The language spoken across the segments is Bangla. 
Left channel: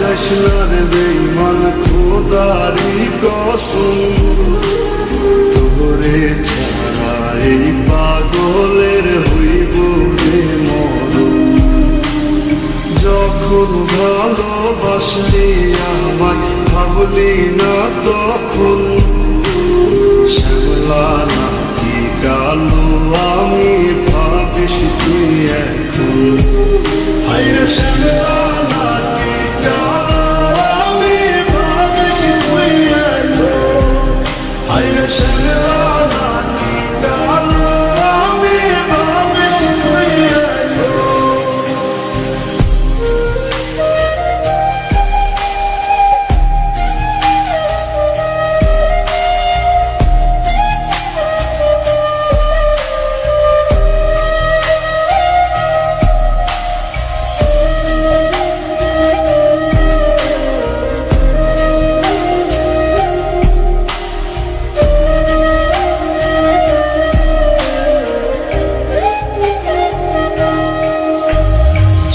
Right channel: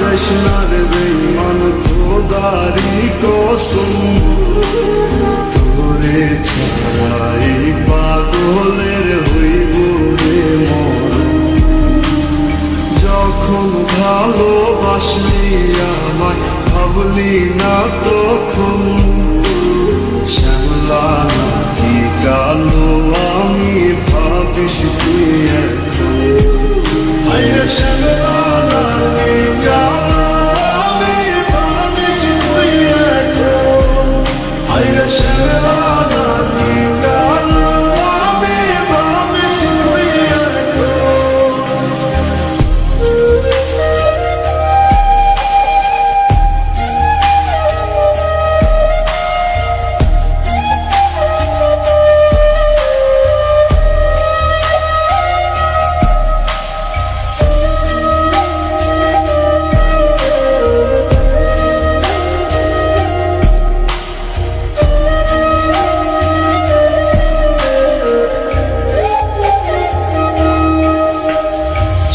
যাইস না রে বেঈমান খোদারি কসম, তোরে ছাড়া এই পাগলের হইব রে মরণ। যখন ভালোবাসলি আমায় ভাবলি না তখন, শ্যামলা নাকি কালো আমি ভাবিস তুই এখন। হায়রে শ্যামলা নাকি কালো আমি ভাবিস তুই এখন। হায়রে শ্যামলা নাকি কালো আমি ভাবিস তুই এখন।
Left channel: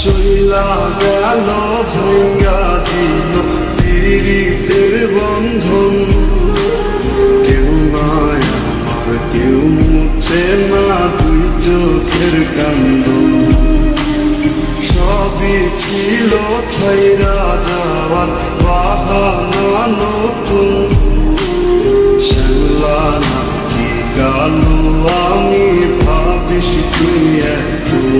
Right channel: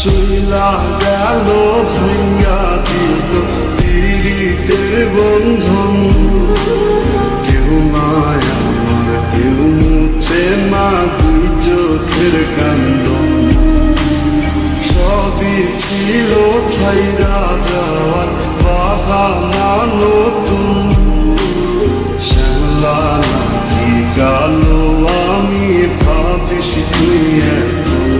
চইলা গেল ভাঙ্গা দিল পীড়িতের বন্ধন, কেউ নাই আমার কেউ মুছে না দুই চোখের কান্দন। সবই ছিল ছাইরা যাওয়ার বাহানা নতুন, শ্যামলা নাকি কালো আমি ভাবিস তুই এখন।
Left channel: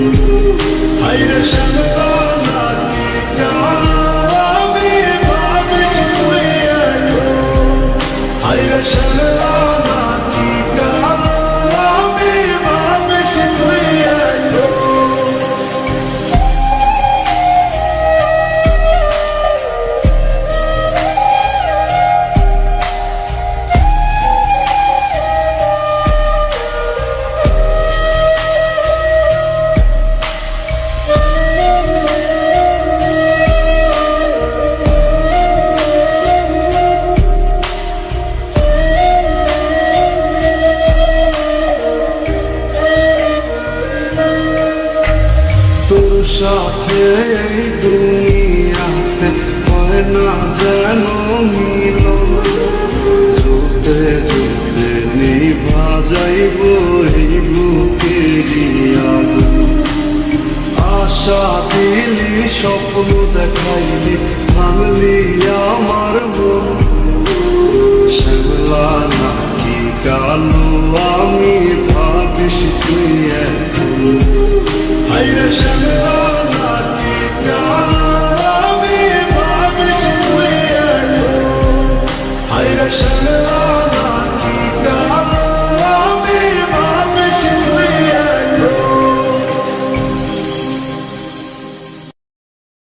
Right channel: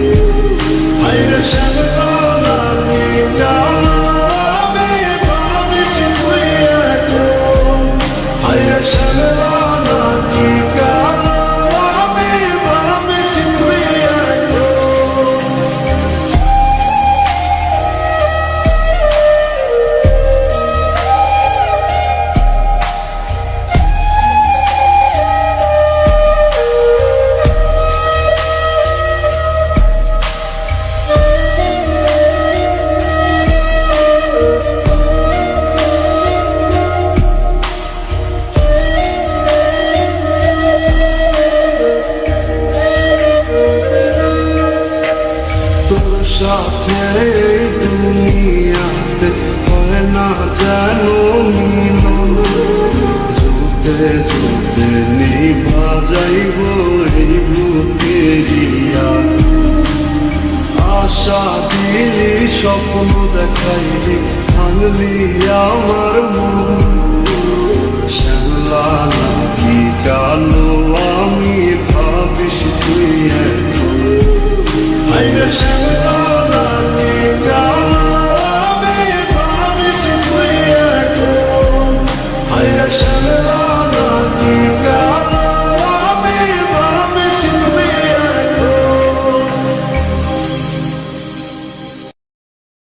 হায়রে শ্যামলা নাকি কালো আমি ভাবিস তুই এখন। হায়রে শ্যামলা নাকি কালো আমি ভাবিস তুই এখন। তোর সাথে এই দুনিয়াতে হয় না যেন মিলন, জুতে জুতে নিভা যাইব এই বুকেরই আগুন। আশা দিলি স্বপ্ন দেখাইলি ভাঙলি আমার মন, শ্যামলা নাকি কালো আমি ভাবিস তুই এখন। হায়রে শ্যামলা